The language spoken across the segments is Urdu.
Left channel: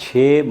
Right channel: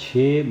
6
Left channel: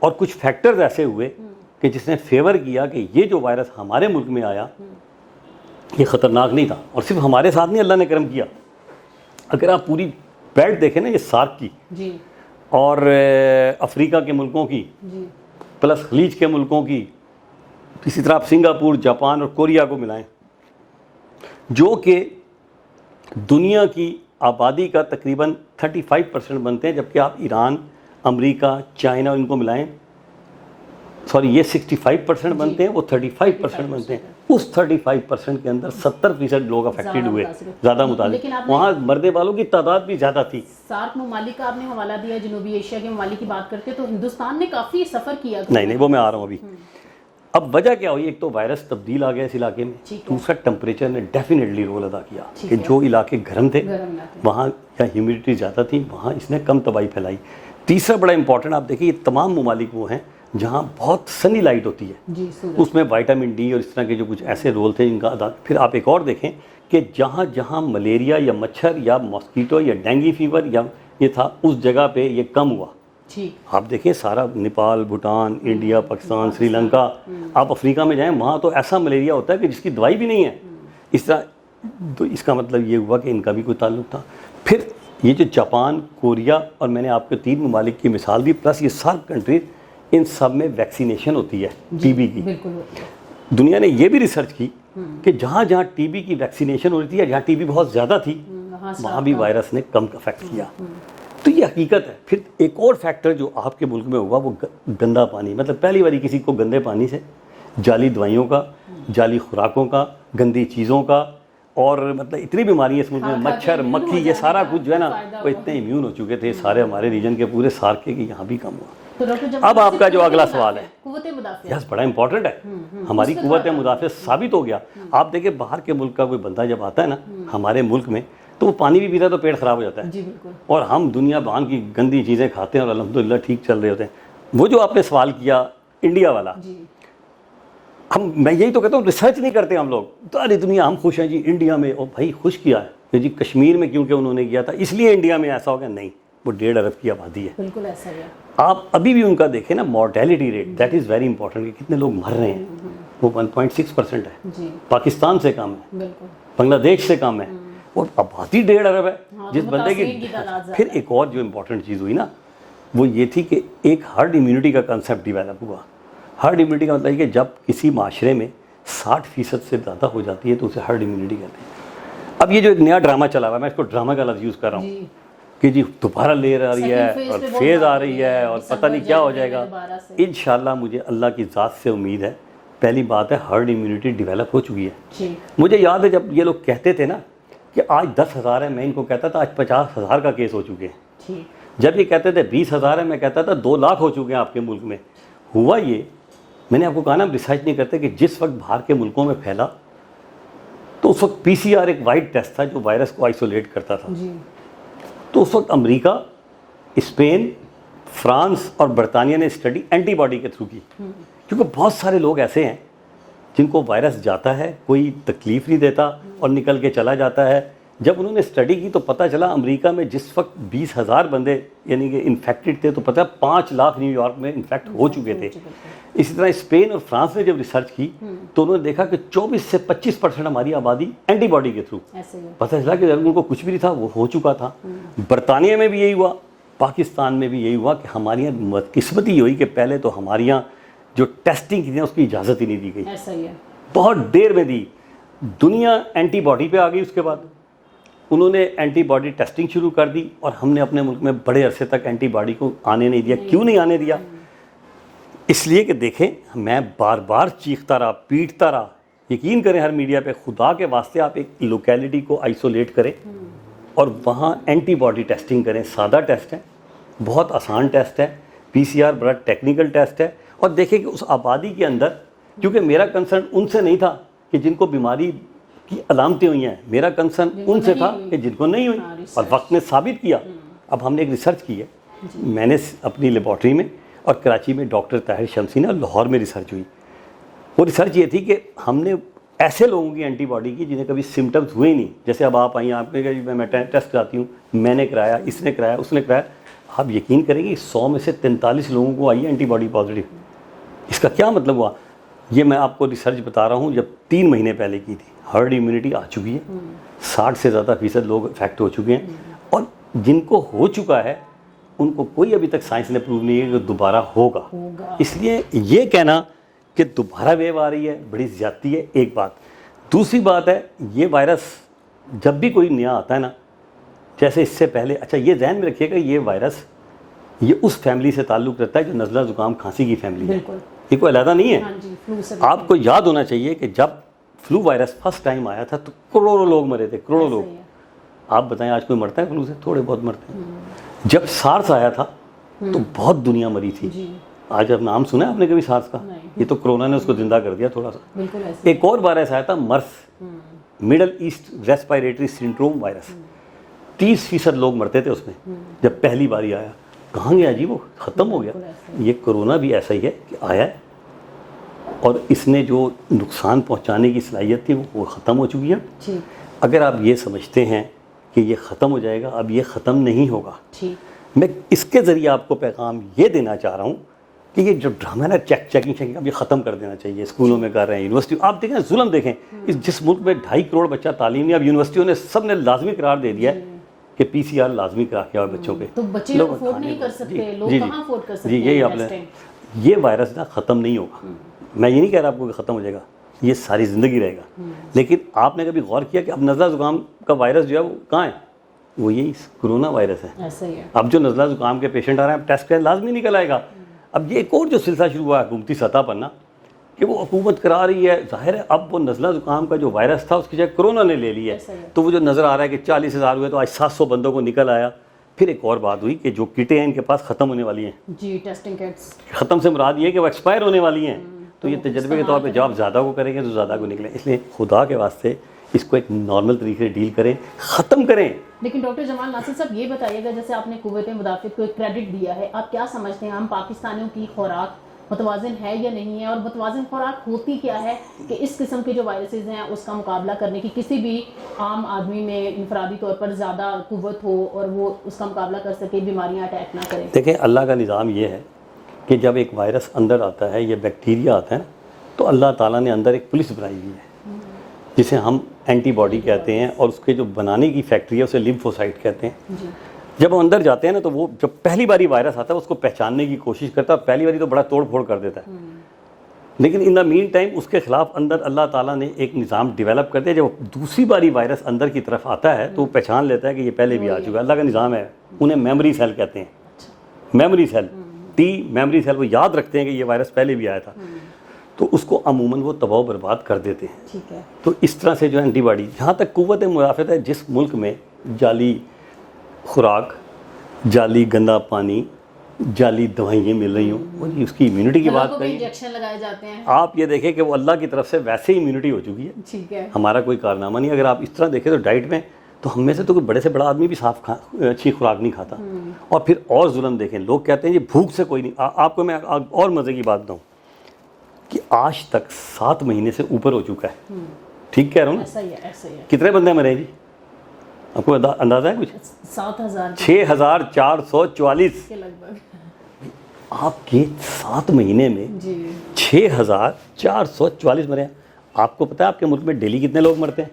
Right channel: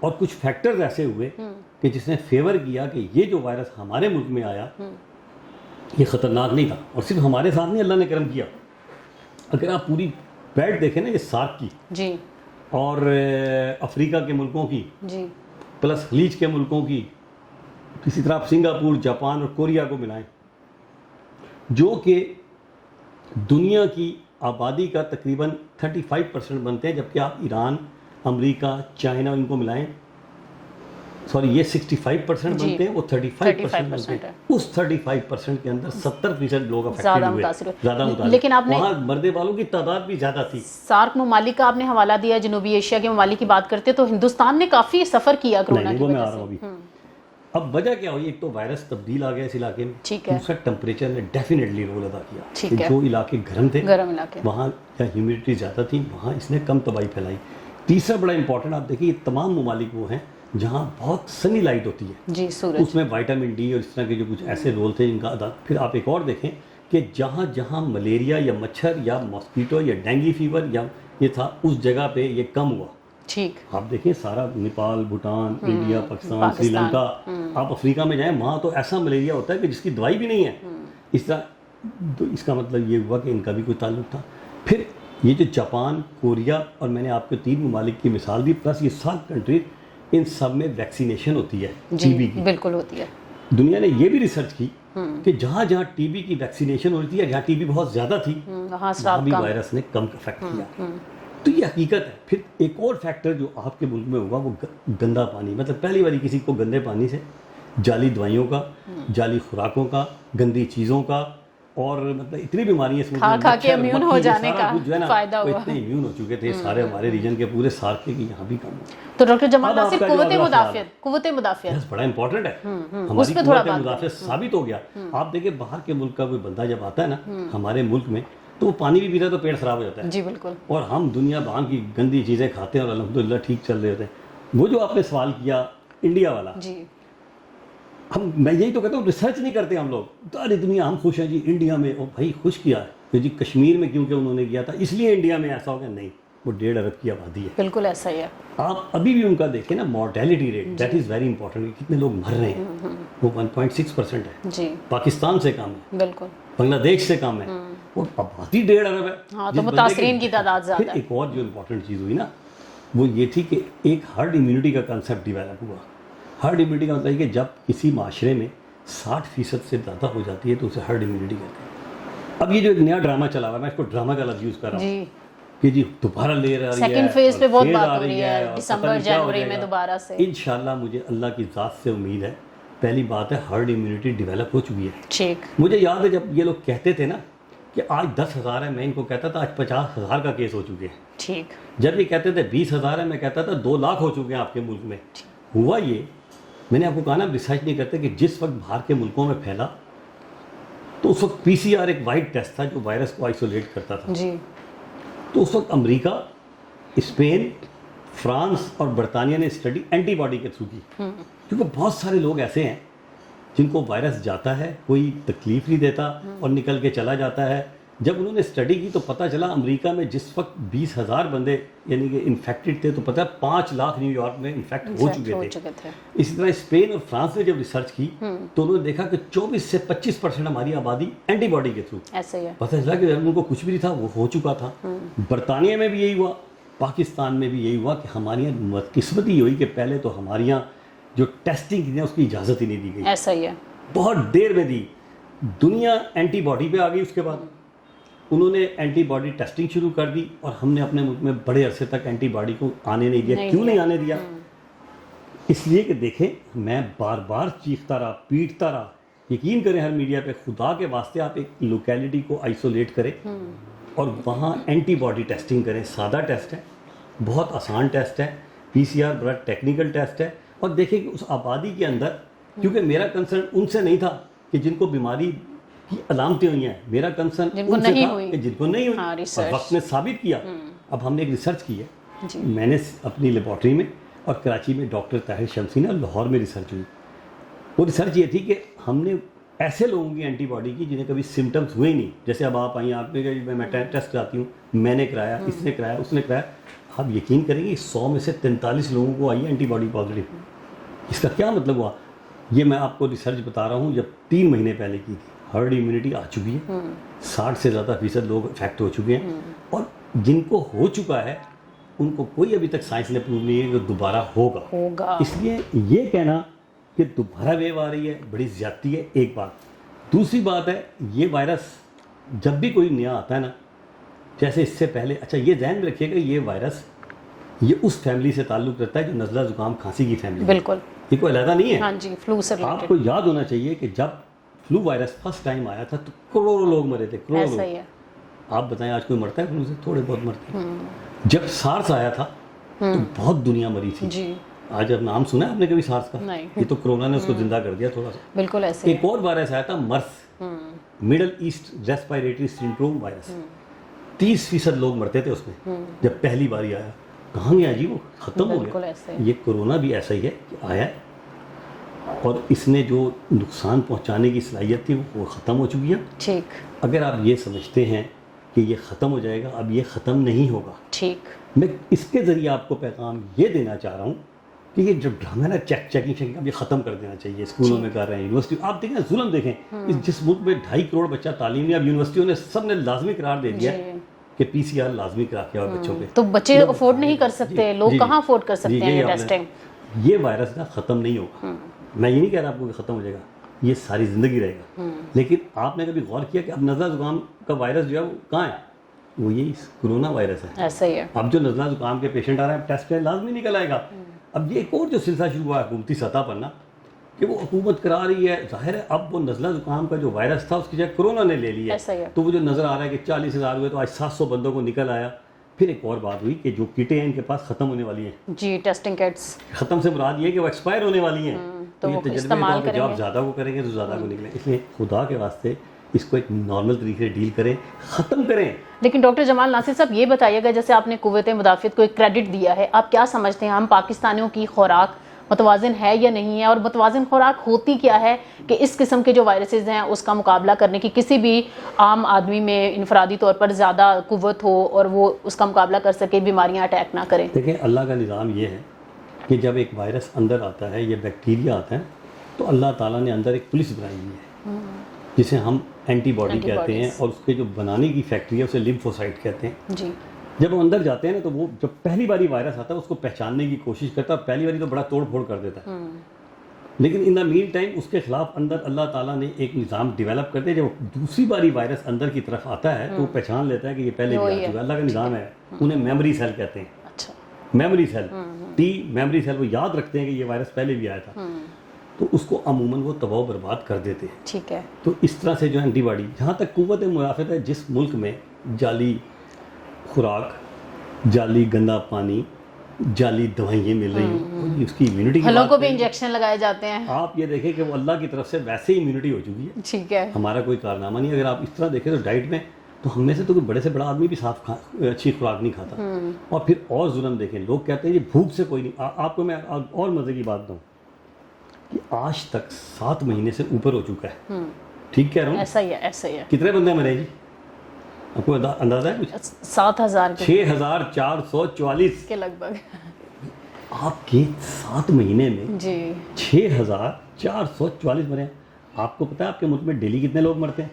اور کچھ فیکٹرز ایسے ہوئے کہ جس نے فیور کیا کہ یہ جو وائرس ہمارے ملک میں آیا یہ خطرناک نہیں تھا. اور صرف ہمارے ساتھ نہیں اللہ نے کرم کیا, اگر آپ پوری بیلٹ دیکھیں نا یہ سارک کی جی اور افریقہ کے ملکوں کی جی پلس خلیج کے ملکوں کی, اسی طرح آپ سنگاپور, جاپان اور کوریا کو ملائیں جو کہ دنیا کی آبادی کا تقریباً 35% بنتے ہیں, جبکہ آپ ایران, امریکہ, چائنا ان کو ملائیں, سوری یہ 65% بنتے ہیں, وہ 35% بنتے ہیں. اس 35% کے اندر 70% لوگ افیکٹڈ ہوئے, زیادہ متاثر. لیکن آپ نے وہاں مرنے والوں کی تعداد بھی زیادہ تھی. سارک ممالک کا آپ نے حوالہ دیا, جنوبی ایشیا کے ممالک کی بات کرتے تو ہندوستان نے کافی سفر کیا. نہیں وہ میں آ رہا ہوں ابھی. اب وجہ کیا ہوئی, ایک تو وائرس تبدیل آ گیا اس علاقے میں, دوسرا ٹمپریچر نے ڈیفینیٹلی رول ادا کیا کہ جو علاقے گرم تھے وہاں یا ہیومیڈیٹی زیادہ تھی وہاں اس نے کم تباہی پھیلائی. تیسرا بڑا امپورٹنٹ آپ دیکھیں, یہ تمام ممالک وہ ہیں جہاں بہت سنی لائٹ ہوتی ہے جی, اس میں وائٹامن ڈی اور اس طرح کے جو کچھ ایسے رول تھے جن کا ادا. پھر آپ ایک اور دیکھیں کہ جہاں جہاں ملیریا یا مچھر یا ماسکیٹو یا ڈینگی فیور یا یہ تھا اس جگہ پہ یہ کم ہوا. ٹھیک, آپ دیکھیں سارا نیپال, بھوٹان, انڈیا, پاکستان, سری لنکا, آپ افریقہ میں جائیں وہاں تو ایسا ملیریا ہوتا ہے کہ جس کی دوائی بھی نہیں ہے. اس طرح تو اس کا مطلب یہ ہوا کہ ان کا بھی کوئی تعلق تھا. پھر یہ جو جاپان, کوریا اور میں نے آپ کو 3 ممالک کی مثال دی, پلس یہ سب کنٹریز, ان سب میں ویکسینیشن ہوتی ہے ٹی بی کی. بالکل ہوتی ہے. دنیا نے یہ بھی ریسرچ کی کہ جہاں جہاں ٹی بی کی ویکسینیشن ہو رہی تھی یا جہاں ٹی بی بہت زیادہ تھی وہاں بھی وائرس نے کم افیکٹ کیا. تو یہ حقیقت ہے. پھر ایک اور فیکٹر جو آپ کے ملک میں ہوگا وہ گندا پانی, مطلب پہلی باری کسی کو گندے پانی سے, جعلی دوائیوں کا, جعلی خوراکوں کا, گندی چیزوں کا, اور مطلب اتنی بیماریاں اس میں مچھر, مکھی, یہ سارا کچھ جو ہے نا وہ اتنے امیون ہو چکے تھے سارے ہمارے ریجن کے پورے سارک کے کہ یہاں بھی کم ہو. تو ڈاکٹر جمال, اب آپ کا جو اگلا سوال ہے قوت مدافعت بڑا امپورٹنٹ ہے. ہماری قوت مدافعت ثابت ہو گیا. آپ دیکھیں باہر کے ملک کا کوئی بندہ جب آتا ہے نا ہمارے ملک میں تو وہ پانی بھی پیتا ہے تو پیٹ خراب ہو جاتا ہے. جی بالکل. اور ہم دنیا بھر کی گندی چیزیں کھاتے ہیں اور الحمدللہ ٹھیک چل رہے ہوتے ہیں. وہ جو آپ نے سوال کیا انڈیا والا, میں یہی تو کہتا ہوں ریسرچ نہیں کرتے ہم لوگ. تو ارے دنیا ہم خوش ہیں جی انڈیا میں, اور بھائی خوش کیا ہے جی کشمیر میں کیونکہ انہوں نے کیا تھا اس لیے انڈیا میں ایسا ہو گیا. نہیں, وہ 1.5 ارب کی آبادی ہے. بالکل ایسا ہی ہے. آپ ابھی بھی ان کا دیکھیں نا mortality rate, that is very important, کہ کتنے لوگ مر رہے ہیں, وہ 1.6% ہے. جی, پاکستان سے کم ہے, بالکل بنگلہ دیش سے کم ہے, اور آبادی 1.5 ارب ہے. تو متاثرین کی تعداد زیادہ. پھر ایک اور جو امپورٹنٹ چیز ہوئی نا وہ یہ تھی کہ ایک ہرڈ امیونٹی کا کنسیپٹ ڈیولپ ہوا. ہرڈ امیونٹی کا مطلب ہے کہ جب کسی معاشرے میں 60% سے زیادہ ہو جاتی ہے تو اسے ہرڈ امیونٹی کہتے ہیں. اب یہ جو ایک نیا ڈرامہ چلا ہوا ہے, میں اس کو ڈرامہ کا لفظ یوز کر رہا ہوں کہ جی دوبارہ لے رہی ہے اور فیز آ رہی ہے اور پتہ نہیں کیا ہو جائے گا. انشاءاللہ مجھے اللہ کی ذات سے امید ہے, پہلی بات ہے ہرڈ امیونٹی ڈیولپ ہو چکی ہے. مجھے یاد ہے جب یہ لوگ کہتے تھے نا کہ آج 10,000 ہے, میں ان کو کہتا تھا آج 50,000 کا کیس ہو چکے ہیں. جب یہ کہتے تھے 20,000 ہے, میں کہتا تھا 2 لاکھ ہو چکے ہیں آپ کے ملک میں. ہوا یہ, میں نے آپ کو کہا نا ریسرچ نہیں کرتے, کہ جس وقت باہر کے ملکوں میں پھیلا تو اس وقت PCR ایک وائٹ ٹیسٹ تھا جو وائرس کو آئسولیٹ کرتا تھا. تو اس وقت امریکہ, اسپین, فرانس اور برطانیہ نے اسٹڈی اینٹی باڈی کے تھرو کی, کیونکہ بہت سارے لوگ ایسے ہیں جن کو وائرس جاتا ہے, کوئی تکلیف نہیں دیتا اور نکل کے چلا جاتا ہے. جب انہوں نے اسٹڈی کی تو پتہ چلا امریکہ میں جس وقت 20,000 بندے یعنی کہ انفیکٹڈ تھے تو پتہ ہے 5 لاکھ نیو یارک میں انفیکٹ ہو چکے تھے. اسی طرح اسپین اور فرانس نے جب ریسرچ کی تو انہوں نے دیکھا کہ 24 سے 25% ہماری آبادی اینٹی باڈی کے تھرو, پتہ چلا کہ ان کو کچھ بھی نہیں تھا, وہ ہو چکا تھا. برطانیہ میں بھی یہی ہوا, پاکستان میں بھی یہی ہوا کہ ہماری یہاں قسمت ہی ہوئی کہ پہلے تو ہماری یہاں جو ٹیسٹنگ تھی اس کی اجازت ہی نہیں دی گئی. ایسا ہی ہے, بہت دیر میں دی. دنیا اینٹی باڈی پہ آ گئی, اس کے بعد انہوں نے اینٹی باڈی ٹیسٹنگ شروع کر دی اور ہم نے اپنے ملک میں بڑے عرصے تک اینٹی باڈی کو آنے نہیں دیا. کیوں نہیں آنے دیا؟ اس لیے کہ دیکھیں میں بار بار چیختا رہا, پیٹتا رہا. یقین کریں ہر میڈیا پہ, خدا کے واسطے آپ ایک لوکیلٹی کو آئسولیٹ کریں اور وہاں اینٹی باڈی ٹیسٹنگ کریں. سادہ ٹیسٹ ہے, بہت آسان ٹیسٹ ہے, PCR بڑا ٹیکنیکل ٹیسٹ ہے. اور دیکھیں کہ اس آبادی کے اندر, کیونکہ میرا کنسرن ان سے نہیں تھا کہ جن کو بیماری کی علامتیں ہوئی ہیں, میرا کنسرن ان سے تھا کہ جن کو نہیں ہوئی, اور وقت نے ثابت کیا. اب ہم نے ایک ریسرچ کی ہے, میں نے اپنی لیبارٹری میں, اور کراچی میں ڈاکٹر طاہر شمسی نے, لاہور میں ریسرچ ہوئی. وہ ریسرچ یہ تھی کہ ہم نے ایسے لوگوں کی اینٹی باڈی کی جنہیں کبھی سمٹمز ہوئے ہی نہیں. جیسے اب آپ آئیں, آپ نے کہا میں ٹیسٹ کراتی ہوں, میں نے کرایا, اس نے کرایا, اس نے کرایا. آپ یقین کریں گے 100 میں سے 43 لوگوں کو آئی ہے اینٹی باڈی پازیٹیو. اس کا کیا مطلب ہوا؟ یہ میں آپ کو ریسرچ بتا رہا ہوں جب 3 مہینے پہلے کی تھی. ہرڈ امیونٹی آ چکی ہے, 60 سے زیادہ فیصد لوگ افیکٹ ہو چکے ہیں, اور جن کو ہو چکا ہے ان کو کوئی ابھی تک سائنس نے پروو نہیں ہے کہ دوبارہ ہوگا. اس لیے یہ کہنا کہ دوبارہ ویو آ رہی ہے بڑی زیادتی ہے, ایک بات. دوسری بات ہے یہ وائرس جب بھی کوئی نیا آتا ہے نا, جیسے اس سے پہلے, اچھا یہ ذہن میں رکھیے گا یہ وائرس یہ اس فیملی سے تعلق رکھتا ہے جو نزلہ زکام کھانسی کی فیملی. بالکل, یہ کوئی علیحدہ نہیں ہے. ہاں جی, فلو سے آپ کو یاد ہونا چاہیے کہ جب فلو وائرس فرسٹ ٹائم آیا تھا تو کروڑوں لوگ مرے تھے, کروڑوں لوگ. آپ بتائیں آج کوئی مرتا ہے فلو سے؟ تھوڑے بہت مرتے ہیں. جب سارس آیا تھا تو بہت دنیا مری تھی. آج اب نام سنا ہے آپ نے کبھی سارس کا؟ یہ تو کرونا نے اس کو زندہ کر دیا تھوڑا سا. بالکل ایسے. ایک اور وائرس آیا تھا MERS, middle east respiratory syndrome virus. 30% لوگ مرتے تھے اس میں جب پہلی باری آیا. کہاں گیا جی وہ؟ ختم ہو گیا. یہ کرونا بھی ایسا ہی ہے کہ آیا اور اس نے جو نقصان پہنچانے کی صلاحیت تھی وہ ختم ہو چکی ہے. اگر آپ یہ سمجھتے ہیں کہ یہ ختم ہو جائے گا, اب یہ ختم نہیں ہوگا. میں اس کے ذریعے آپ کو پیغام یہ دینا چاہ رہا ہوں کہ یہ جو ڈرامہ ہے نا چیکنگ اب یہ ختم کر دینا چاہیے. اسکولوں میں کر رہے ہیں, یونیورسٹی, آپ دیکھیں ظلم دیکھیں. جس ملک میں 2.5 کروڑ بچہ تعلیم نہیں, اب یونیورسٹیوں نے سب نے لازمی قرار دے دیا ہے کہ PCR لازمی کرا کے آؤ بچوں پہ. تو بچے لوگ افورڈ نہیں کر سکتے, لوگ کہاں افورڈ کر سکتے ہیں ٹیسٹنگ. یہ وائرس نا ختم نہیں ہوگا. میں یہ نہیں کہہ رہا آپ کو کہ ختم ہو جائے گا, یہ ساری زندگی رہے گا. لیکن آپ نے کبھی غور کیا کہ اب نزلہ زکام کا وائرس جو ہے وہ کہاں ہے؟ وہ یہی کرونا وائرس ہے. ایسا ہی ہے. اب جو نزلہ زکام کے پیشنٹ آ رہے ہیں اب ٹیسٹ لازمی نکل آئے گا. اب یہ ایک اور جو سلسلہ شروع ہوا ہے حکومتی سطح پر نا کہ وہ حکومت کرا رہی ہے, ظاہر ہے اب وہ نزلہ زکام کا جو وائرس تھا اس کی جگہ کرونا نے لے لی ہے. تو وہ جو نظر آ رہا ہے کہ 40,000 ہوئے تو آج 700 بندوں کو نکل آیا. پھر ایک اور بات ہوئی کہ جو کٹیں ہیں ان کے پاس ختم ہونے والی ہیں. جی, ٹیسٹنگ کٹس ختم سے مراد یہ ہے کہ وہ ایکسپائر ہونے والی ہیں. تو یہ تجربے کے طور پہ جب آپ زیادہ کو کریں گے تو زیادہ کو نکلیں. اس لیے خدا کے واسطے اس کو ایک نارمل طریقے سے ڈیل کریں, ختم کریں. لیکن ڈاکٹر جمال ناصر صاحب یہ بتائیے گا, جیسے آپ نے قوت مدافعت کو ایک کریڈٹ دیا ہے, آپ کیا سمجھتے ہیں ہم پاکستانیوں کی خوراک متوازن ہے یا نہیں ہے, اور متوازن خوراک ہوتی کیا ہے کہ اس قسم کے جو وائرسز ہیں اس کا مقابلہ کرنے کی کسی بھی عام آدمی میں انفرادی طور پر زیادہ قوت ہو اور وہ اس کا مقابلہ کر سکے, بیماریاں اٹیک نہ کریں؟ دیکھیں اللہ کا نظام یہ ہے کہ جب ایک وائرس اندر آتا ہے یا بیکٹیریا آتا ہے تو اللہ تعالیٰ نے اندر ایک پولیس بنائی ہوئی ہے جسے ہم اینٹی باڈی کہتے ہیں, اور اس کے جو بنانے کی فیکٹری ہے اسے لیمفوسائٹ کہتے ہیں. جب ہم اندر جاتے ہیں نا تو وہ جب پہلی باری وائرس آتا ہے اس کو پہچاننے کی کوشش کرتا ہے, پہلی باری تو بڑا توڑ پھوڑ کر دیتا ہے, لیکن ان دا مین ٹائم اس کے خلاف اندر اللہ تعالیٰ نے ایک نظام ڈیولپ کر دیا. جب دوسری باری وائرس اندر کی طرف آتا ہے تو وہ پہچان لیتا ہے کہ یہ پہلے بھی آ چکا ہے. اللہ کا نظام ہے, انہیں میموری سیل کہتے ہیں. Memory cell, T memory cell, وہ یاد رکھتے ہیں کہ یہ وائرس پہلے بھی آیا تھا, تو اس کو عموماً وہ تباہ و برباد کر دیتے ہیں. ٹھیک ہے. تو اس طرح سے جو اینٹی باڈی, جہاں تک قوت مدافعت ہے, جس ملک میں جعلی خوراک, جعلی گندا پانی, جعلی دوائیں مل رہی ہوں, اس کی امیونٹی کی بات بھی انجیکشن لگائے جاتے ہیں. آپ یہ دیکھیں کہ وہ اللہ کی طرف سے ویسے ہی امیونٹی ہو چکی ہے. ٹھیک ہے. ہمارا کوئی کارنامہ نہیں. اگر آپ اس طرح دیکھیں تو ڈائٹ میں تو ہم میں سے تو کوئی بڑے سے بڑا آدمی بھی صاف اچھی خوراک نہیں کھاتا. اور پھر اور ظلم دیکھیں, لوگ کہتے ہیں یہ بھوک سے کوئی نہیں. آپ کو میں اور مزے کی بات بتاؤں کہ آج تک 7 مہینے سے اوپر ہو چکا ہے. ٹھیک کہہ رہا ہوں؟ ایسا ہی ہے, ایسا ہی ہے. کتنے بندے مرے جی, آپ کو اندازہ ہے کچھ؟ 6,444 کے لگ بھگ. آپ کے 7 مہینے میں 6,444 مرے ہیں. آپ کو پتا ہے آپ کے ملک میں ڈیلی کتنے لوگ مرتے ہیں؟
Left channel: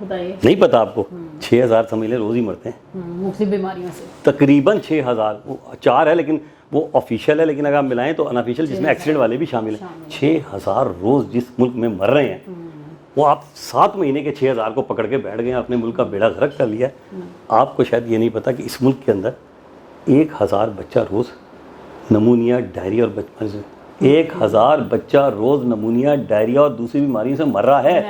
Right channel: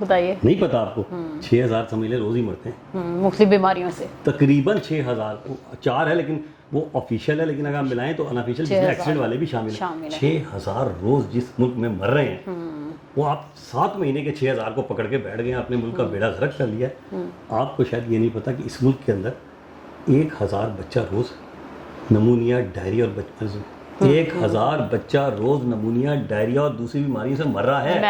بتائیے. نہیں پتا آپ کو؟ 6,000 سمجھ لیں روز ہی مرتے ہیں مختلف بیماریوں سے. تقریباً 6,000, 4 ہے لیکن وہ آفیشیل ہے, لیکن اگر آپ ملائیں تو انآفیشیل جس میں ایکسیڈنٹ والے بھی شامل ہیں. 6,000 روز جس ملک میں مر رہے ہیں, وہ آپ 7 مہینے کے 6,000 کو پکڑ کے بیٹھ گئے ہیں, اپنے ملک کا بیڑا غرق کر لیا. آپ کو شاید یہ نہیں پتا کہ اس ملک کے اندر 1,000 بچہ روز نمونیا, ڈائریا اور بچپن سے 1,000 بچہ روز نمونیا, ڈائریا اور دوسری بیماریوں سے مر رہا ہے.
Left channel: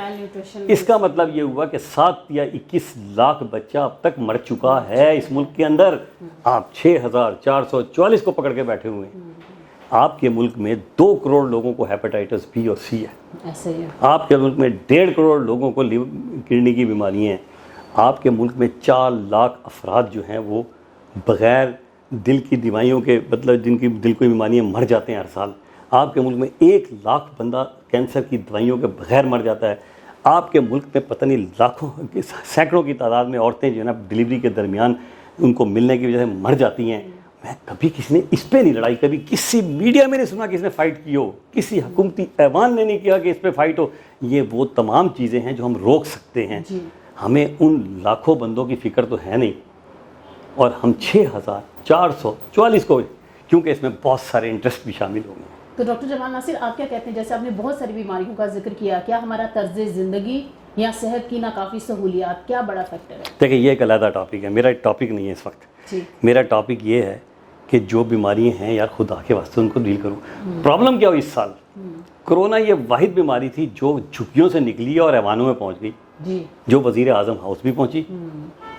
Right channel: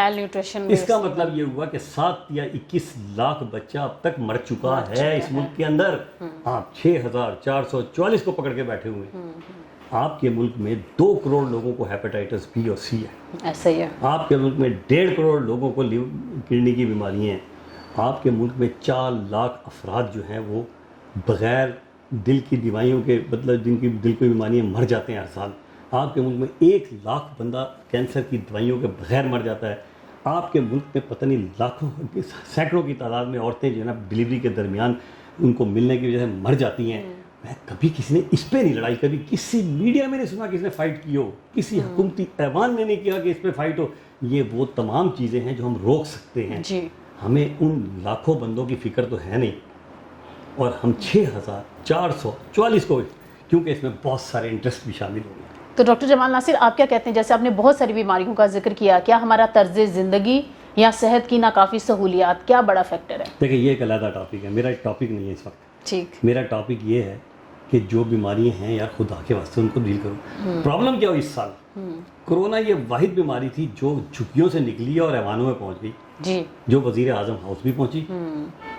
اس کا مطلب یہ ہوا کہ 7 یا 21 لاکھ بچہ اب تک مر چکا ہے اس ملک کے اندر. آپ 6,444 کو پکڑ کے بیٹھے ہوئے ہیں. آپ کے ملک میں 2 کروڑ لوگوں کو ہیپاٹائٹس بی اور سی ہے. ایسا ہی ہے. آپ کے ملک میں 1.5 کروڑ لوگوں کو کڈنی کی بیماریاں ہیں. آپ کے ملک میں 4 لاکھ افراد جو ہیں وہ بغیر دل کی دوائیوں کے, مطلب جن کی دل کی بیماریاں, مر جاتے ہیں ہر سال. آپ کے ملک میں 1 لاکھ بندہ کینسر کی دوائیوں کے بغیر مر جاتا ہے. آپ کے ملک میں پتہ نہیں لاکھوں, سینکڑوں کی تعداد میں عورتیں جو ہے نا ڈلیوری کے درمیان ان کو ملنے کی وجہ سے مر جاتی ہیں. میں کبھی کسی نے اس پہ نہیں لڑائی, کبھی کسی میڈیا میں نہیں سنا کسی نے فائٹ کی ہو, کسی حکومتی ایوان نے نہیں کیا کہ اس پہ فائٹ ہو. یہ وہ تمام چیزیں ہیں جو ہم روک سکتے ہیں. ہمیں ان لاکھوں بندوں کی فکر تو ہے نہیں, اور ہم 6444 کو, کیونکہ اس میں بہت سارے انٹرسٹ بھی شامل ہوں گے. تو ڈاکٹر جمال ناصر آپ کیا کہتے ہیں, جیسے آپ نے بہت ساری بیماریوں کا ذکر کیا, کیا ہمارا طرز زندگی یا صحت کی ناکافی سہولیات کیا بڑا فیکٹر ہے؟ دیکھیں یہ ایک علیحدہ ٹاپک ہے, میرا ٹاپک نہیں ہے اس وقت. میرا ٹاپک یہ ہے کہ جو بیماریاں ہیں یار خدا کے واسطے ان کو ڈیل کروں. پرابلم کیا ہوئی اس سال, کرونا یہ واحد بیماری تھی جو جھگیوں سے نکلی اور ایوانوں میں پہنچ گئی, جو وزیر اعظم ہاؤس بھی پہنچی,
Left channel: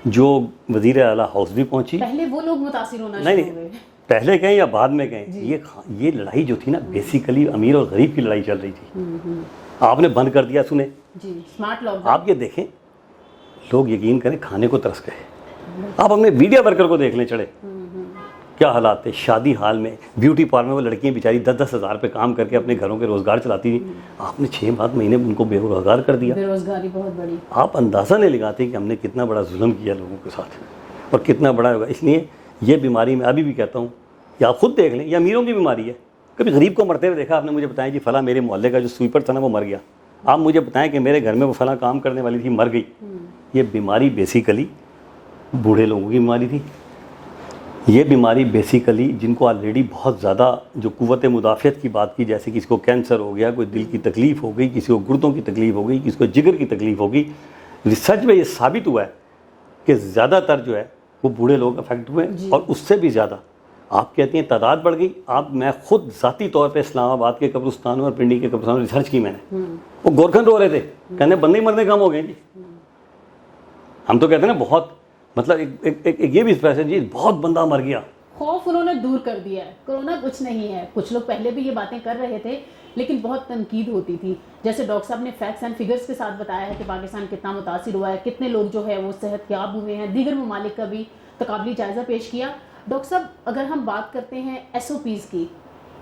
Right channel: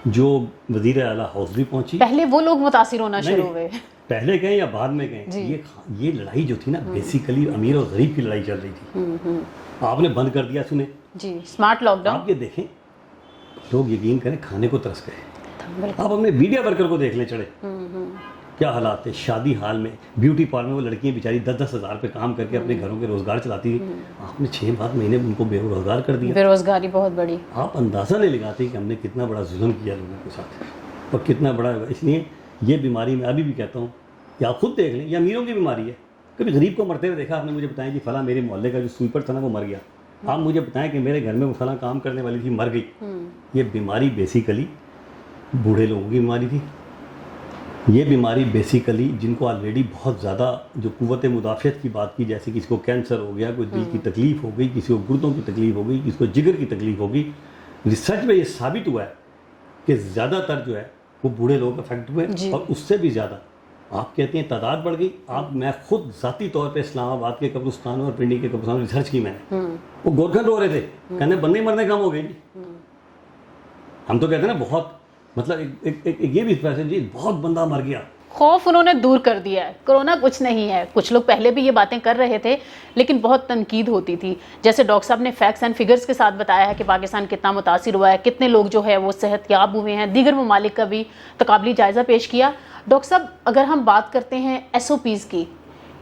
جو وزیر اعلیٰ ہاؤس بھی پہنچی. پہلے وہ لوگ متاثر ہونا شروع ہوئے, پہلے کہیں یا بعد میں کہیں. یہ لڑائی جو تھی نا بیسیکلی امیر اور غریب کی لڑائی چل رہی تھی. آپ نے بند کر دیا, سنیں اسمارٹ لاک ڈاؤن. آپ یہ دیکھیں, لوگ یقین کریں کھانے کو ترس گئے. آپ اپنے میڈیا ورکر کو دیکھ لیں, چڑھے کیا حالات تھے. شادی حال میں بیوٹی پارلر میں وہ لڑکیاں بیچاری 10-10 ہزار پہ کام کر کے اپنے گھروں کے روزگار چلاتی تھی. آپ نے 6 مہینے ان کو بے روزگار کر دیا. بے روزگاری بہت بڑی. آپ اندازہ نہیں لگاتے کہ ہم نے کتنا بڑا ظلم کیا لوگوں کے ساتھ اور کتنا بڑا ہوگا. اس لیے یہ بیماری میں ابھی بھی کہتا ہوں, یا آپ خود دیکھ لیں, یہ امیروں کی بیماری ہے. کبھی غریب کو مرتے ہوئے دیکھا آپ نے؟ مجھے بتائیں جی فلاں میرے محلے کا جو سویپر تھا نا وہ مر گیا. آپ مجھے بتائیں کہ میرے گھر میں وہ فلاں کام کرنے والی تھی مر گئی. یہ بیماری بیسیکلی بوڑھے لوگوں کی بیماری تھی. یہ بیماری بیسیکلی جن کو آلریڈی بہت زیادہ جو قوت مدافعت کی بات کی, جیسے کسی کو کینسر ہو گیا, کوئی دل کی تکلیف ہو گئی, کسی کو گردوں کی تکلیف ہو گئی, کسی کو جگر کی تکلیف ہو گئی. ریسرچ میں یہ ثابت ہوا ہے کہ زیادہ تر جو ہے وہ بوڑھے لوگ افیکٹ ہوئے, اور اس سے بھی زیادہ آپ کہتی ہیں تعداد بڑھ گئی. میں خود ذاتی طور پہ اسلام آباد کے قبرستانوں اور پنڈی کے قبرستانوں میں ریسرچ کی میں نے. وہ گورکھن رو رہے تھے, کہنے بندے ہی مرنے کم ہو گئے جی. ہم تو کہتے ہیں نا بہت, مطلب ایک یہ بھی پیسے جی بہت بندہ مر گیا. خوف انہوں نے دور کر دیا ہے. کرونا کچھ نہیں ہے. کچھ لوگ پہلے بھی یہ باتیں کر رہے تھے لیکن بہت تنقید ہوتی تھی. جیسے ڈاکٹر صاحب نے فیکٹس اینڈ فگرز کے ساتھ بتایا ہے کہ پاکستان کتنا متاثر ہوا ہے, کتنے لوگ جو ہے وہ صحت یاب ہوئے ہیں. دیگر ممالک کا بھی تقابلی جائزہ پیش کیا. ڈاکٹر صاحب اگر ہم بات کرتے ہیں ایس او پیز کی,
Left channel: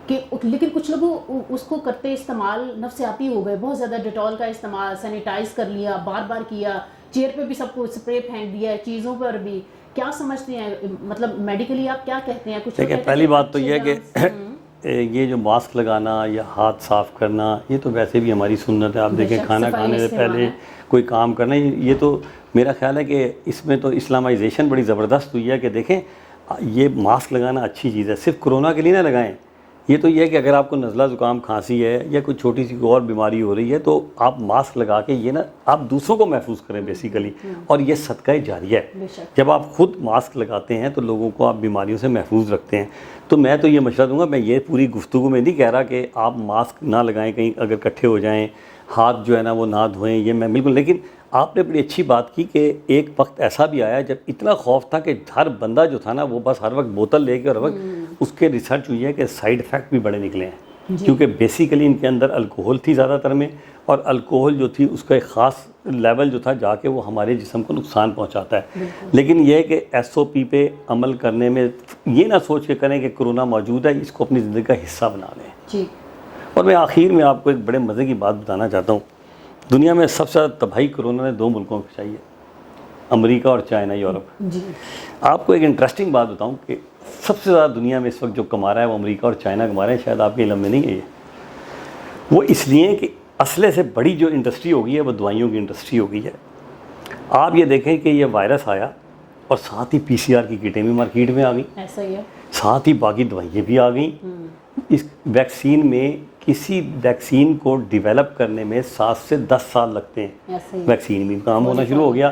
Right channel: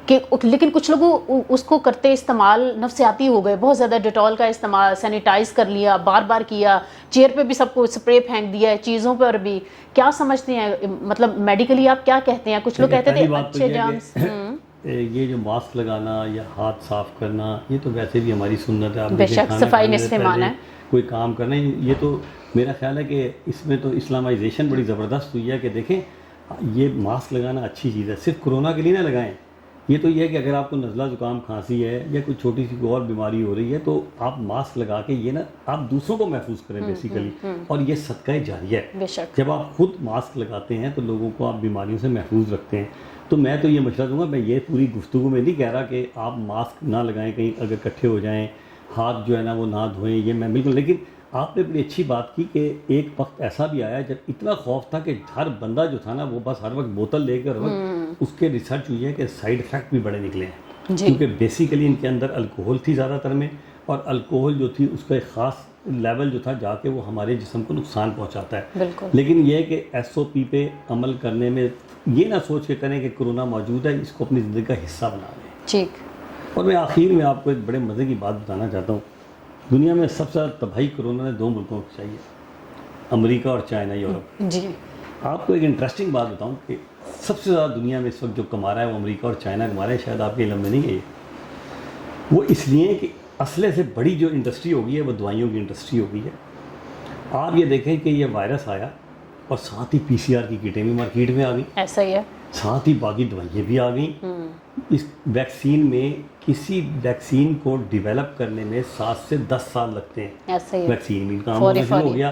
کہ لیکن کچھ لوگوں اس کو کرتے استعمال نفسیاتی ہو گئے, بہت زیادہ ڈیٹول کا استعمال, سینیٹائز کر لیا, بار بار کیا, چیئر پہ بھی سب کو اسپرے پھینک دیا ہے, چیزوں پر بھی. کیا سمجھتے ہیں, مطلب میڈیکلی آپ کیا کہتے ہیں؟ کچھ لوگ کہتے ہیں پہلی بات تو یہ ہے کہ یہ جو ماسک لگانا یا ہاتھ صاف کرنا یہ تو ویسے بھی ہماری سنت ہے. آپ دیکھیں کھانا کھانے سے پہلے کوئی کام کرنا, یہ تو میرا خیال ہے کہ اس میں تو اسلامائزیشن بڑی زبردست ہوئی ہے. کہ دیکھیں یہ ماسک لگانا اچھی چیز ہے, صرف کرونا کے لیے نہ لگائیں. یہ تو یہ ہے کہ اگر آپ کو نزلہ زکام کھانسی ہے یا کوئی چھوٹی سی اور بیماری ہو رہی ہے تو آپ ماسک لگا کے یہ نا آپ دوسروں کو محفوظ کریں بیسیکلی. اور یہ صدقہ جاریہ ہے. جب آپ خود ماسک لگاتے ہیں تو لوگوں کو آپ بیماریوں سے محفوظ رکھتے ہیں. تو میں تو یہ مشورہ دوں گا, میں یہ پوری گفتگو میں نہیں کہہ رہا کہ آپ ماسک نہ لگائیں, کہیں اگر اکٹھے ہو جائیں, ہاتھ جو ہے نا وہ نہ دھوئیں, یہ میں بالکل. لیکن آپ نے بڑی اچھی بات کی کہ ایک وقت ایسا بھی آیا جب اتنا خوف تھا کہ ہر بندہ جو تھا نا وہ بس ہر وقت بوتل لے کے, اور ہر وقت اس کے ریسرچ ہوئی ہے کہ سائیڈ افیکٹ بھی بڑے نکلے ہیں. کیونکہ بیسیکلی ان کے اندر الکوہل تھی زیادہ تر میں, اور الکوہل جو تھی اس کا ایک خاص لیول جو تھا جا کے وہ ہمارے جسم کو نقصان پہنچاتا ہے. لیکن یہ کہ ایس او پی پہ عمل کرنے میں یہ نہ سوچ کے کریں کہ کرونا موجود ہے, اس کو اپنی زندگی کا حصہ بنا لیں. اور میں آخر میں آپ کو ایک بڑے مزے کی بات بتانا چاہتا ہوں. دنیا میں سب سے زیادہ تباہی کرونا نے 2 ملکوں کو چاہیے, امریکہ اور چائنا, یورپ. آپ کو ایک انٹرسٹنگ بات بتاؤں کہ سب سے زیادہ دنیا میں اس وقت جو کما رہا ہے وہ امریکہ اور چائنا کما رہے ہیں. شاید آپ کے علم میں نہیں ہے. وہ اس لیے کہ اسلحے سے بڑی جو انڈسٹری ہو گئی ہے وہ دوائیوں کی انڈسٹری ہو گئی ہے. آپ یہ دیکھیں کہ یہ وائرس آیا اور ساتھ ہی PCR کی کٹیں بھی مارکیٹ میں آ گئی. ایسا ہی ہے. ساتھ ہی باقی دوائیاں بھی آ گئیں. اس ویکسین میں کسی ویکسین کو ڈیولپ کرنے میں 7 سے 10 سال لگتے ہیں. ویکسین بھی کام ہونا شروع ہو گیا.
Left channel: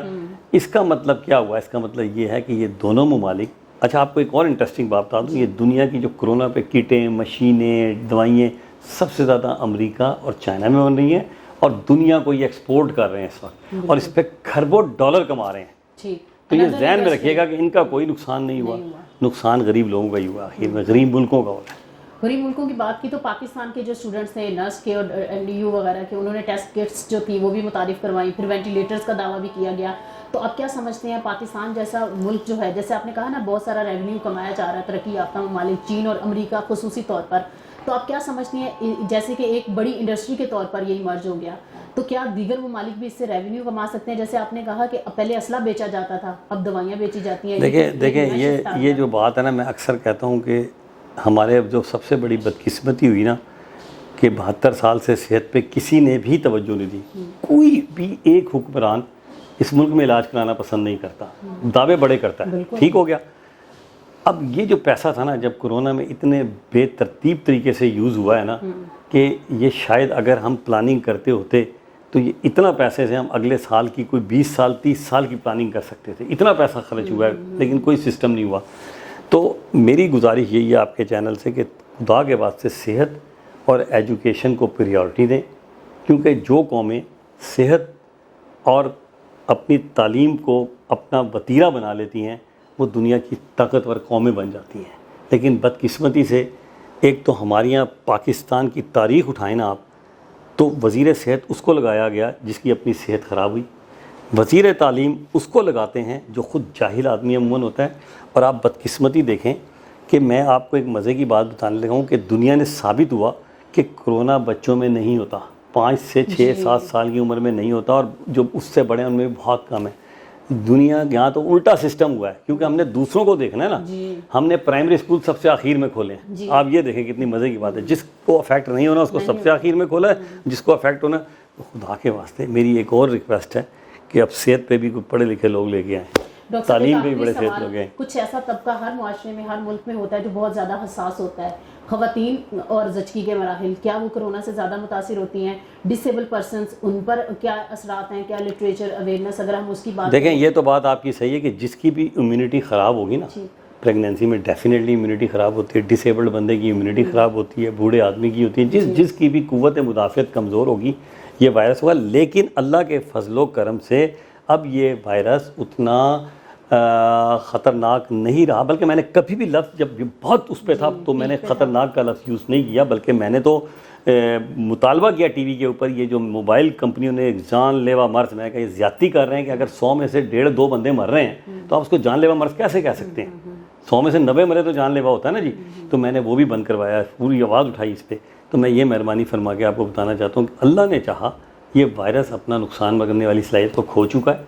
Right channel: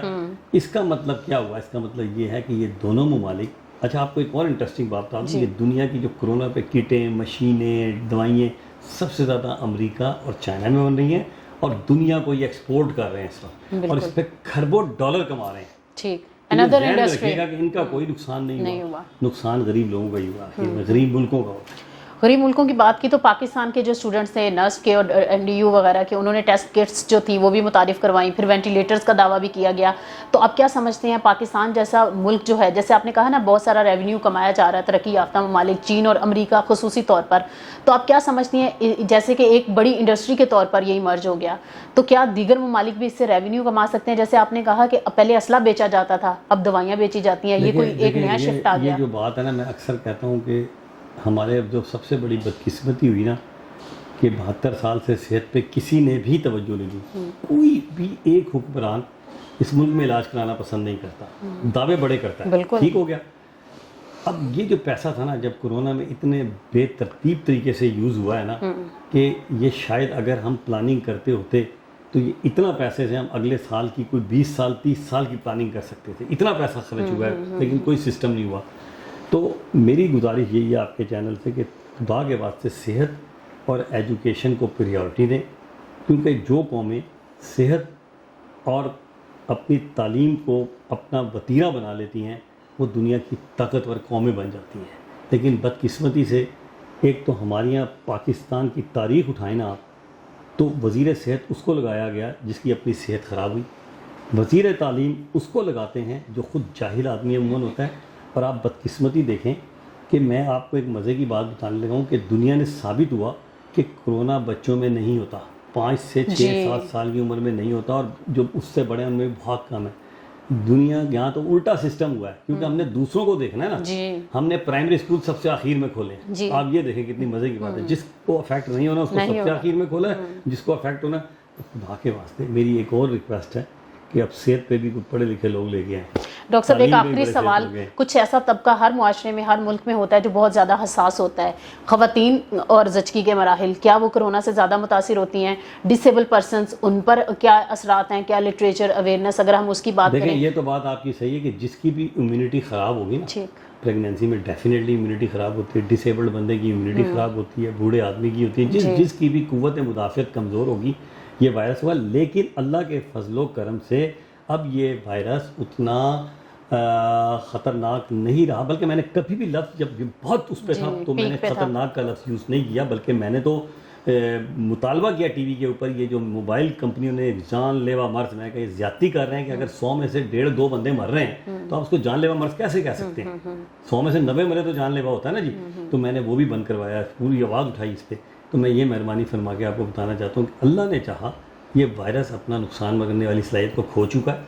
اس کا مطلب کیا ہوا؟ اس کا مطلب یہ ہے کہ یہ دونوں ممالک. اچھا آپ کو ایک اور انٹرسٹنگ بات بتا دوں, یہ دنیا کی جو کرونا پہ کٹیں, مشینیں, دوائیں سب سے زیادہ امریکہ اور چائنا میں بن رہی ہیں, اور دنیا کو یہ ایکسپورٹ کر رہے ہیں اس وقت, اور اس پہ کھربوں ڈالر کما رہے ہیں. ذہن میں رکھیے گا کہ ان کا کوئی نقصان نہیں ہوا, نقصان غریب لوگوں کا ہی ہوا, غریب ملکوں کا ہوا. غریب ملکوں کی بات کی تو پاکستان کے جو اسٹوڈنٹس تھے نرس کے اور MDU وغیرہ کے، انہوں نے ٹیسٹ کٹس جو تھی وہ بھی متعارف کروائیں، پھر وینٹیلیٹرز کا دعویٰ بھی کیا گیا. تو اب کیا سمجھتے ہیں پاکستان جیسا ملک جو ہے، جیسے آپ نے کہا نا بہت سارا ریونیو کمایا جا رہا ہے ترقی یافتہ ممالک چین اور امریکہ خصوصی طور پر، تو آپ کیا سمجھتی ہیں جیسے کہ ایک بڑی انڈسٹری کے طور پر یہی مرج ہو گیا، تو کیا دیگر ممالک بھی اس سے ریونیو کما سکتے ہیں؟ جیسے آپ نے کہا کہ پہلے اسلحہ بیچا جاتا تھا، اب دوائیاں بیچی جاتی ہیں. دیکھیں یہ جو بات ہے نا، میں اکثر کہتا ہوں کہ ہمارے جو سب سے بڑی بدقسمتی ہوئی نا کہ 72 سال سے صحت پہ کسی نے بھی توجہ نہیں دی. کوئی بھی ایک حکمران اس ملک میں علاج کرانا پسند نہیں کرتا، دعوے بڑے کرتا ہے. ٹھیک ہو گیا. اب یہ جو پیسہ تھا نا، جب کورونا میں اتنے بے ترتیب طریقے سے یوز ہوا ہے نا کہ یہ شاید اگر ہم پلاننگ کرتے ہوتے تو یہ اتنا پیسے سے ہم اگلے سال کی کوئی 20 سال 30 سال کی پلاننگ کر سکتے تھے. اتنا پیسہ خرچ ہوا ہے لیکن کوئی سسٹم نہیں ہوا. تو میری گزارش یہی ہے آپ کے چینل سے کہ خدا کے واسطے صحت اور ایجوکیشن کو پریورٹی دیں، کیونکہ جو قومیں صحت اور اپنی تعلیم کو اپنا وتیرہ بنا لیتی ہیں وہ دنیا کی طاقتور قومیں بن جاتی ہیں. لیکن بدقسمتی سے ایک تو ہمارے یہاں پاکستان کی تاریخ اٹھائیں نا آپ، تو وزیر صحت اس کو لگایا گیا جس کی اپنی صحت خراب ہوئی، وزیر تعلیم اس کو لگاتے ہیں جو خود جاہل آدمی عموماً ہوتا ہے. اور آپ بدقسمتی دیکھیں کہ میں آپ کو ایک مزے کی بات بتانے لگا ہوں کہ دنیا نے ثابت ہوا کہ کرونا بچوں میں نہیں ہوتا، 5 سے 6 7 سال کی عمر میں نہیں ہوتا، اور جو اس سے بڑے ہیں ان میں بھی بہت کم ہے. دنیا یہاں تو الٹا سسٹم ہوا ہے کیونکہ ہم نے دوسروں کو دیکھنا ہے نا. ہم نے پرائمری اسکول سب سے آخر میں کھولے ہیں. آپ یہ دیکھیں کتنی مزے کی بات ہے، جس کو افیکٹ نہیں ہونا اس کو سب سے آخر میں کھولا ہے، جس کو افیکٹ ہونا. خدا کے واسطے میری ایک اور ریکویسٹ ہے کہ اب صحت پہ بھی کوئی پڑھے لکھے لوگ لے کے آئیں. ڈاکٹر صاحب ایک آخری سوال، کچھ ایسا طبقہ ہر معاشرے میں ہر ملک میں ہوتا ہے جو بہت زیادہ حساس ہوتا ہے، خواتین اور زچگی کے مراحل، کیا وہ کرونا سے زیادہ متاثر ہوتی ہیں؟ ڈسیبل پرسنز، ان پر کیا اثرات ہیں؟ کیا لٹریچر اویئرنیس اگر ہم اس کی بات دیکھیں، یہ تو بات آپ کی صحیح ہے کہ جس کی بھی امیونٹی خراب ہوگی نا پریگنینسی میں ڈیفینیٹلی امیونٹی خراب ہوتی ہے. ڈسیبلڈ بندے کی امیونٹی خراب ہوتی ہے، بوڑھے آدمی کی ہوتی ہے، جس کی بھی قوت مدافعت کمزور ہوگی یہ وائرس ہوا. لیکن اللہ کے فضل و کرم سے اب یہ وائرس اتنا خطرناک نہیں رہا، بلکہ میں نے کبھی بھی لفظ جب بہت اس پہ تھا تو میں نے خطرناک کا لفظ یوز نہیں کیا، بلکہ میں نے تو مطالبہ کیا ٹی وی کے اوپر، یہ جو موبائل کمپنیوں نے جان لیوا مرض، میں کہا یہ زیادتی کر رہے ہیں کہ اگر 100 میں سے 1.5-2 بندے مر رہے ہیں تو آپ اس کو جان لیوا مرض کیسے کہہ سکتے ہیں؟ 100 میں سے 90 مرے تو جان لیوا ہوتا ہے نا جی. تو میں نے وہ بھی بند کروایا، پوری آواز اٹھائی اس پہ. تو میں یہ مہربانی فرما کے آپ کو بتانا چاہتا ہوں کہ اللہ نے چاہا یہ وائرس اپنا نقصان کرنے والی صلاحیت کو کھو چکا ہے،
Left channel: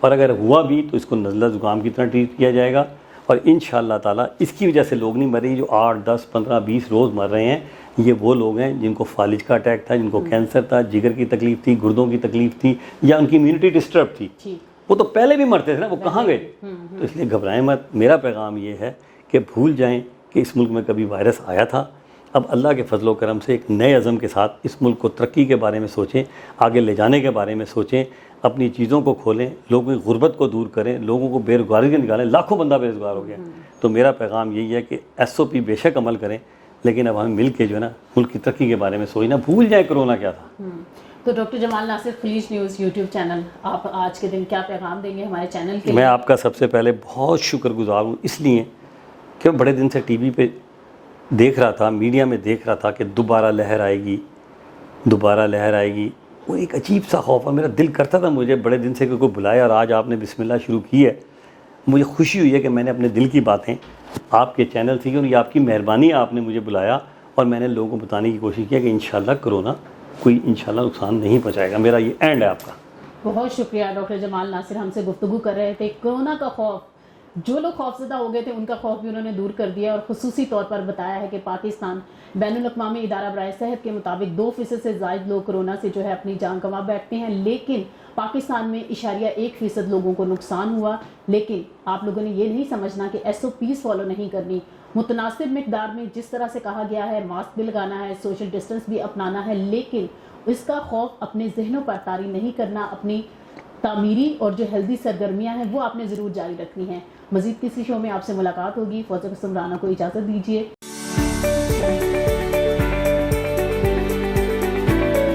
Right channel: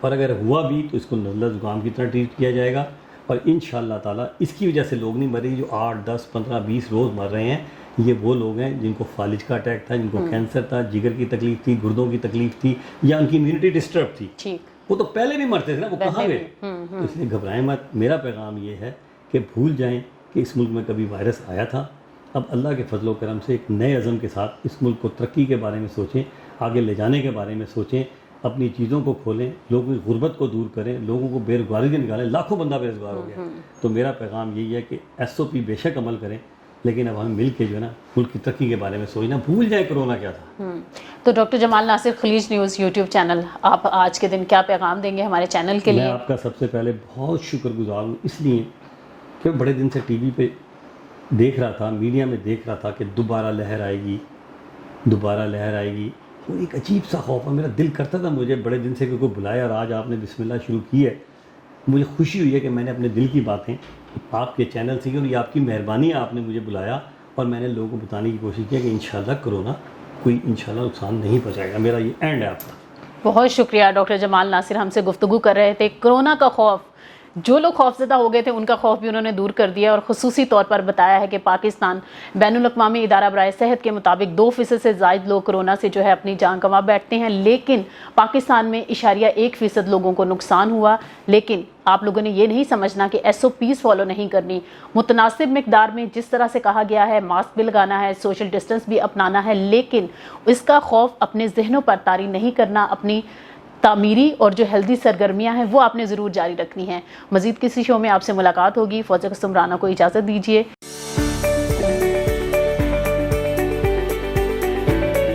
اور اگر ہوا بھی تو اس کو نزلہ زکام کی طرح ٹریٹ کیا جائے گا. اور انشاءاللہ تعالیٰ اس کی وجہ سے لوگ نہیں مر رہے. جو 8 10 15 20 روز مر رہے ہیں یہ وہ لوگ ہیں جن کو فالج کا اٹیک تھا، جن کو کینسر تھا، جگر کی تکلیف تھی، گردوں کی تکلیف تھی، یا ان کی امیونٹی ڈسٹرب تھی. وہ تو پہلے بھی مرتے تھے نا، وہ کہاں گئے؟ تو اس لیے گھبرائیں مت. میرا پیغام یہ ہے کہ بھول جائیں کہ اس ملک میں کبھی وائرس آیا تھا. اب اللہ کے فضل و کرم سے ایک نئے عزم کے ساتھ اس ملک کو ترقی کے بارے میں سوچیں، آگے لے جانے کے بارے میں سوچیں، اپنی چیزوں کو کھولیں، لوگوں کی غربت کو دور کریں، لوگوں کو بے روزگاری سے نکالیں. لاکھوں بندہ بے روزگار ہو گیا. تو میرا پیغام یہی ہے کہ SOP بے شک عمل کریں، لیکن اب ہم مل کے جو ہے نا ملک کی ترقی کے بارے میں سوچنا، بھول جائیں کرونا کیا تھا. تو ڈاکٹر جمال ناصر، خلیج نیوز یوٹیوب چینل، آپ آج کے دن کیا پیغام دیں گے ہمارے چینل کے لیے؟ میں آپ کا سب سے پہلے بہت شکر گزار ہوں، اس لیے کہ بڑے دن سے ٹی وی پہ دیکھ رہا تھا، میڈیا میں دیکھ رہا تھا کہ دوبارہ لہر آئے گی، دوبارہ لہر آئے گی. وہ ایک عجیب سا خوف ہے. میرا دل کرتا تھا مجھے بڑے دن سے کہ کوئی بلائے، اور آج آپ نے بسم اللہ شروع کی ہے. مجھے خوشی ہوئی ہے کہ میں نے اپنے دل کی باتیں آپ کے چینل سے کی، اور یہ آپ کی مہربانی ہے، آپ نے مجھے بلایا اور میں نے لوگوں کو بتانے کی کوشش کی کہ انشاءاللہ کرونا کوئی انشاءاللہ نقصان نہیں پہنچائے گا. میرا یہ اینڈ ہے آپ کا. بہت شکریہ ڈاکٹر جمال ناصر، ہم سے گفتگو کر رہے تھے. کرونا کا خوف، جو لوگ خوفزدہ ہو گئے تھے ان کا خوف بھی انہوں نے دور کر دیا، اور خصوصی طور پر بتایا ہے کہ پاکستان بین الاقوامی ادارہ برائے صحت کے مطابق 2% سے زائد لوگ کرونا سے جو ہے اپنی جان گنوا بیٹھتے ہیں، لیکن پاکستان میں 1% لوگوں کو نقصان ہوا. لیکن آپ لوگوں نے یہ نہیں سمجھنا کہ SOPs فالو نہیں کرنی. متناسب مقدار میں جس طرح سے کہا گیا ہے، ماسک بھی لگانا ہے، سوشل ڈسٹنس بھی اپنانا ہے، لیکن اس کا خوف اپنے ذہنوں پر طاری نہیں کرنا. اپنی تعمیری اور جو ہیلدی سرگرمیاں ہیں وہ آپ نے ضرور جاری رکھنی ہیں. مزید کسی شو میں آپ سے ملاقات ہوگی. فوزیہ قاسم رانا کو اجازت دیجیے.